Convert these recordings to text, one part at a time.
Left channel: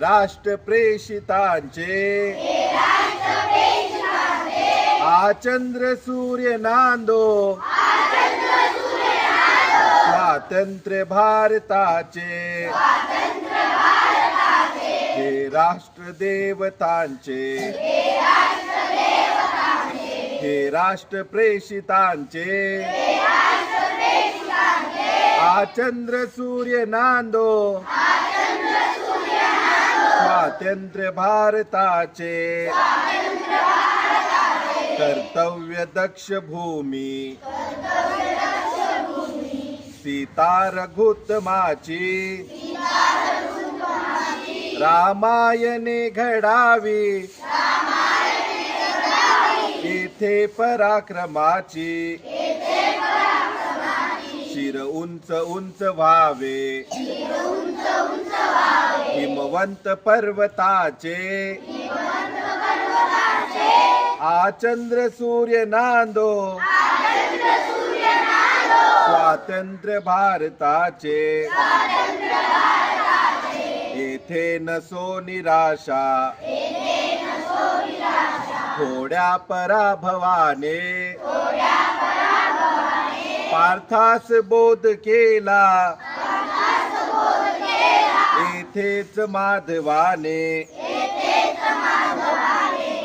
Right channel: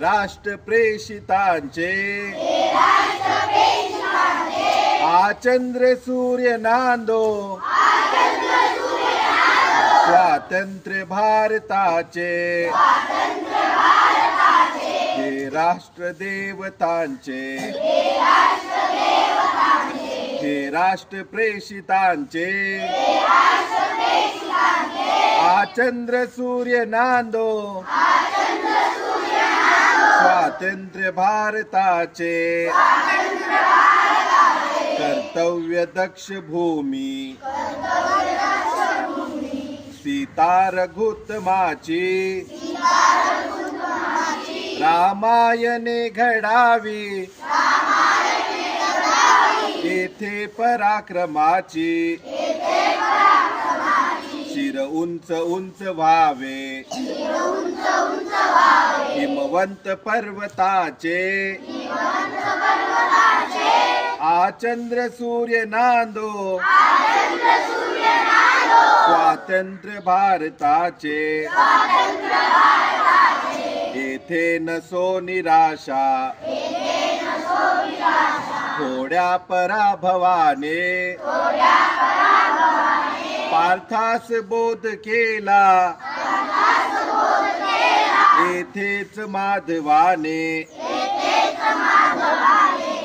राष्ट्र प्रेषितांचे आचंद्र सूर्य नांदो स्वातंत्र्य भारताचे हे राष्ट्र देवतांचे हे राष्ट्र प्रेषितांचे आचंद्र सूर्य नांदो स्वातंत्र्य भारताचे कर्तव्य दक्ष भूमी सीता रघुत्तमाची रामायणे घडावी येथे पराक्रमाची शिर उंच उंच व्हावे हिमवंत पर्वताचे आचंद्र सूर्य नांदो स्वातंत्र्य भारताचे येथे नसो निराशा थोड्या पराभवाने पार्थास बोध केला येथेच माधवाने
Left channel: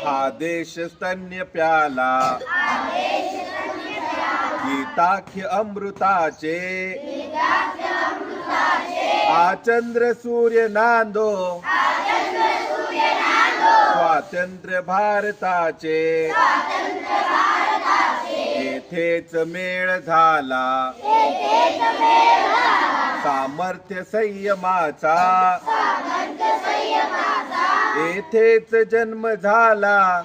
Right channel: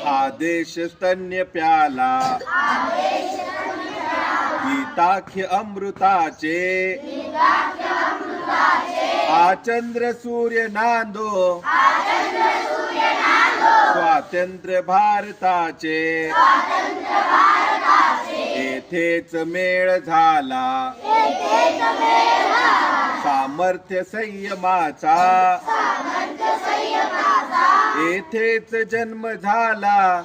हा देश स्तन्य प्याला गीताख्य अमृताचे आचंद्र सूर्य नांदो स्वातंत्र्य भारताचे येथेच मेळ झाला सामर्थ्य संयमाचा येथेच जन्म झाला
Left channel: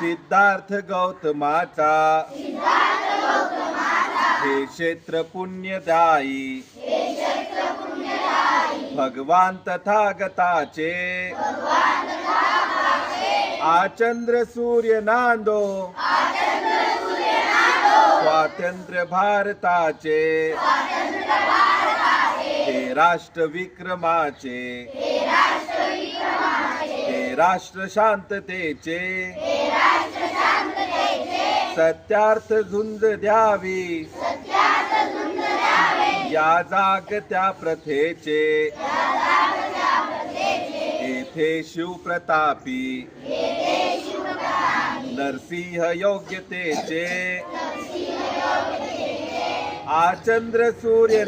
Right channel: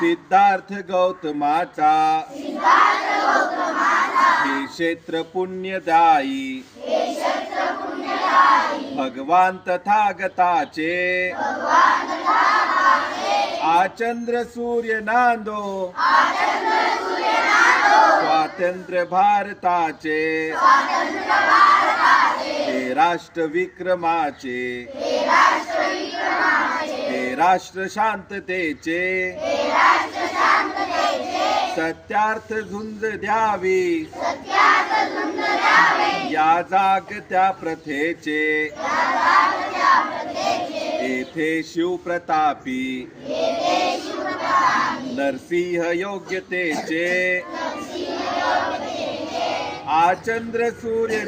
सिद्धार्थ गौतमाचा हे क्षेत्र पुण्यदायी भगवान तथागताचे आचंद्र सूर्य नांदो स्वातंत्र्य भारताचे हे राष्ट्र विक्रमाचे हे राष्ट्र शांततेचे सत्यार्थ झुंज द्यावी या जागत्या प्रथेचे येथे शिवप्रतापी नरसिंह योग्यतेचे आचंद्र सूर्य